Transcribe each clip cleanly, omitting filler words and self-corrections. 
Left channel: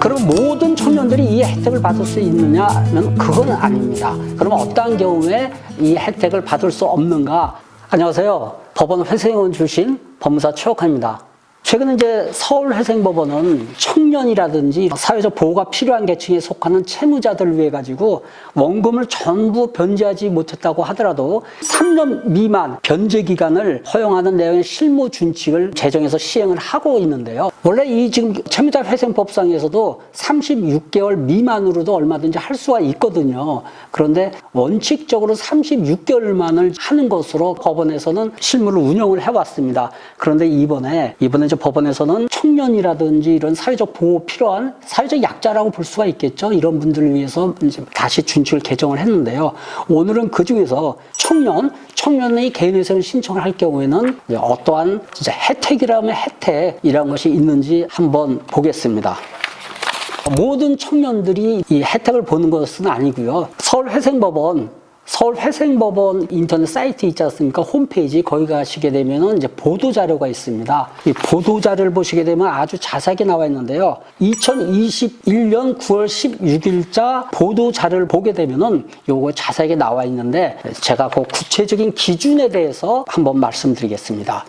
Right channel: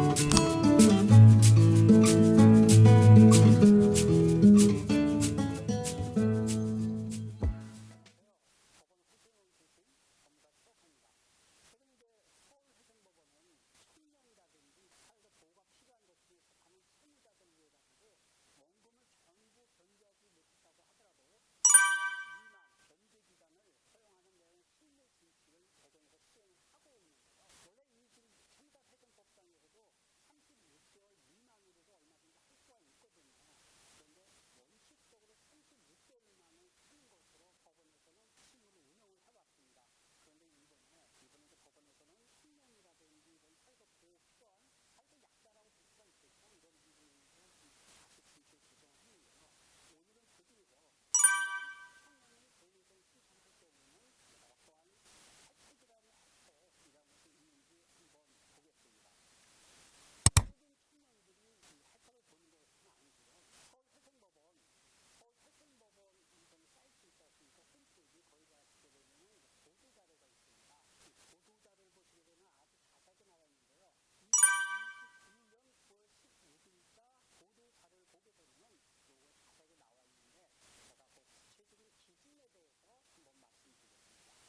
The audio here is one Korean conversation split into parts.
그럼 모든 청년들이 이 혜택을 받을 수 있느냐면 그건 아닙니다. 그럼 어떠한 경우에 이 혜택을 받을 수 없는가? 안녕하세요. 법원 회생원 출신 법무사 최옥환입니다. 최근에 이제 서울회생법원은 청년이라든지 사회적 보호가 필요한 계층에 속하는 채무자들을 위해 가지고 원금을 전부 변제하지 못했다고 하더라도 3년 미만 변제 기간을 허용하는 내용의 실무 준칙을 제정해서 시행을 하고 있는데요. 원래 이 지금 채무자 회생법상에서도 36개월 미만으로도 얼마든지 할 수가 있거든요. 그런데 원칙적으로 36개월만을 하는 것으로 법원에서는 실무를 운영을 해왔습니다. 그런데 이번에 법원에서는 청년이라든지 이런 사회적 보호 필요한 사회적 약자라고 볼 수가 있겠죠. 이런 분들을 위해서 이제 다시 준칙을 개정을 했는데요. 오늘은 그 중에서 청년의 개인회생을 신청을 할 경우에는 어떠한 진짜 혜택이라면 혜택이라는 것이 있는지 한번 보겠습니다. 모든 청년들이 이 혜택을 보는 것은 아니고요. 서울회생법원 인터넷 사이트 있지 않습니까? 홈페이지 거기 가시게 되면은 이제 보도자료가 있습니다. 이 보도자료를 보시게 되면 아주 자세하게 나와 있는데요. 2021년 9월 16일자 보도자료를 보게 되면은 요거 자세하게 나와 있는데 제가 그 구체적인 기준에 대해서 한번 말씀드리겠습니다.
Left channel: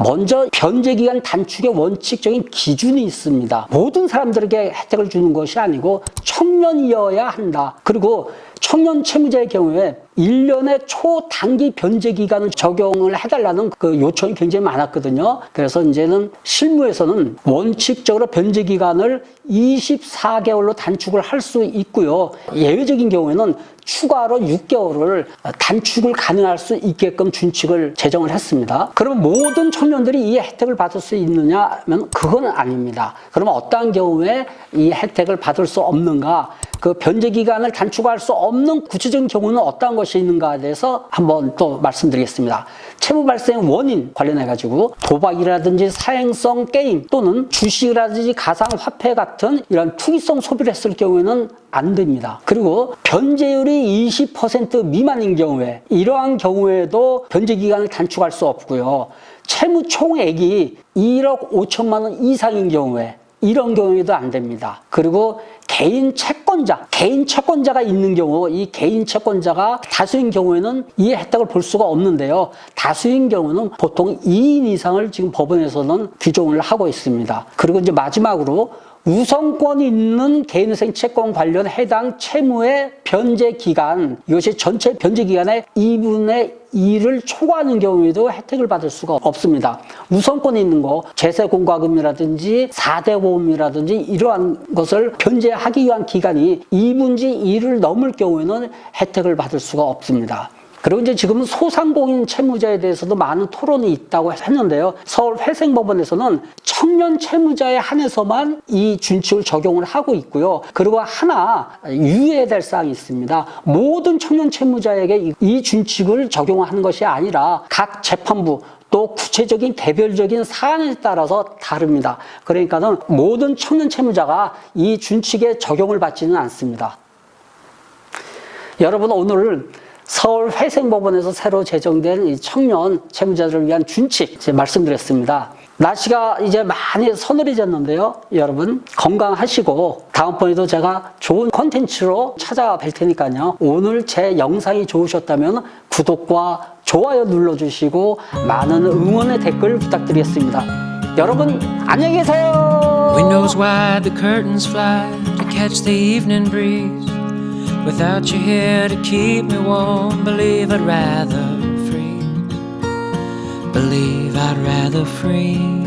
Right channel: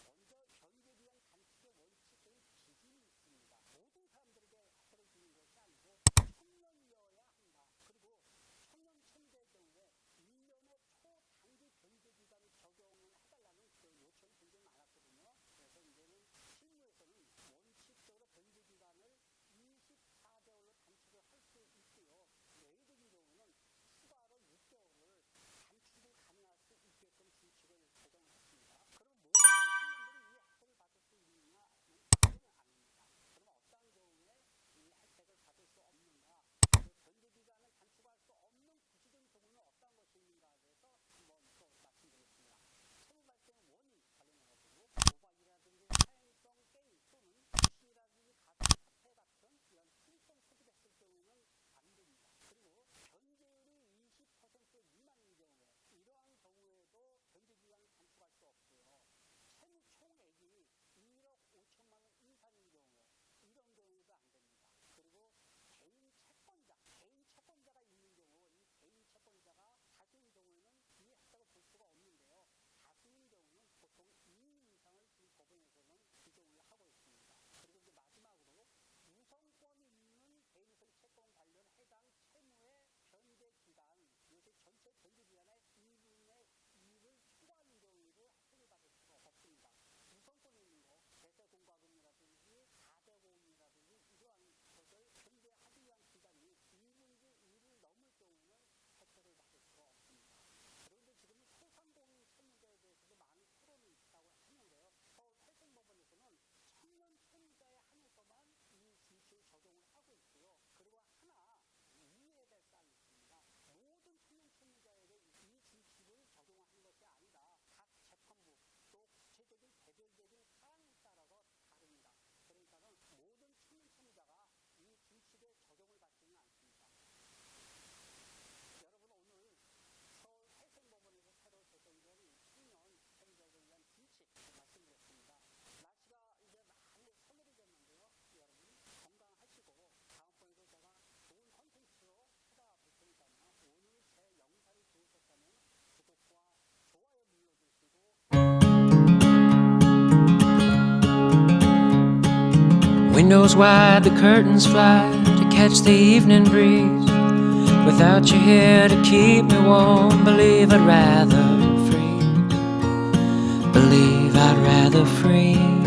먼저 변제기간 단축의 원칙적인 기준이 있습니다. 모든 사람들에게 혜택을 주는 것이 아니고 청년이어야 한다. 그리고 청년 채무자의 경우에 1년의 초단기 변제 기간을 적용을 해달라는 그 요청이 굉장히 많았거든요. 그래서 이제는 실무에서는 원칙적으로 변제 기간을 24개월로 단축을 할 수 있고요. 예외적인 경우에는 추가로 6개월을 단축을 가능할 수 있게끔 준칙을 제정을 했습니다. 그럼 모든 청년들이 이 혜택을 받을 수 있느냐면 그건 아닙니다. 그럼 어떠한 경우에 이 혜택을 받을 수 없는가? 그 변제 기간을 단축할 수 없는 구체적인 경우는 어떠한 것이 있는가에 대해서 한번 또 말씀드리겠습니다. 채무 발생 원인 관련해 가지고 도박이라든지 사행성 게임 또는 주식이라든지 가상화폐 같은 이런 투기성 소비를 했을 경우에는 안 됩니다. 그리고 변제율이 20% 미만인 경우에 이러한 경우에도 변제 기간을 단축할 수 없고요. 채무 총액이 1억 5천만 원 이상인 경우에 이런 경우에도 안 됩니다. 그리고 개인 채권자가 있는 경우, 이 개인 채권자가 다수인 경우에는 이 혜택을 볼 수가 없는데요. 다수인 경우는 보통 2인 이상을 지금 법원에서는 규정을 하고 있습니다. 그리고 이제 마지막으로 우선권이 있는 개인회생 채권 관련 해당 채무의 변제 기간, 이것이 전체 변제 기간의 2분의 2를 초과하는 경우에도 혜택을 받을 수가 없습니다. 우선권이 있는 거, 재세공과금이라든지 4대 보험이라든지 이러한 것을 변제하기 위한 기간이 2분의 2를 넘을 경우에는 혜택을 받을 수가 없습니다. 그리고 이제 지금은 소상공인 채무자에 대해서도 많은 토론이 있다고 했는데요. 서울회생법원에서는 청년 채무자에 한해서만 이 준칙을 적용을 하고 있고요. 그리고 하나 유의해야 될 사항이 있습니다. 모든 청년 채무자에게 이 준칙을 적용하는 것이 아니라 각 재판부 또 구체적인 개별적인 사안에 따라서 다릅니다. 그러니까는 모든 청년 채무자가 이 준칙에 적용을 받지는 않습니다. 여러분 오늘 서울회생법원에서 새로 제정된 이 청년 채무자들을 위한 준칙 제가 말씀드렸습니다. 날씨가 이제 많이 서늘해졌는데요. 여러분 건강하시고 다음번에도 제가 좋은 콘텐츠로 찾아뵐 테니까요. 오늘 제 영상이 좋으셨다면 구독과 좋아요 눌러주시고 많은 응원의 댓글 부탁드리겠습니다. 여러분 안녕히 계세요. Windows wide, the curtains fly to catch the evening breeze. Without you here to keep me warm, believe I'd rather freeze. Believe I'd rather freeze.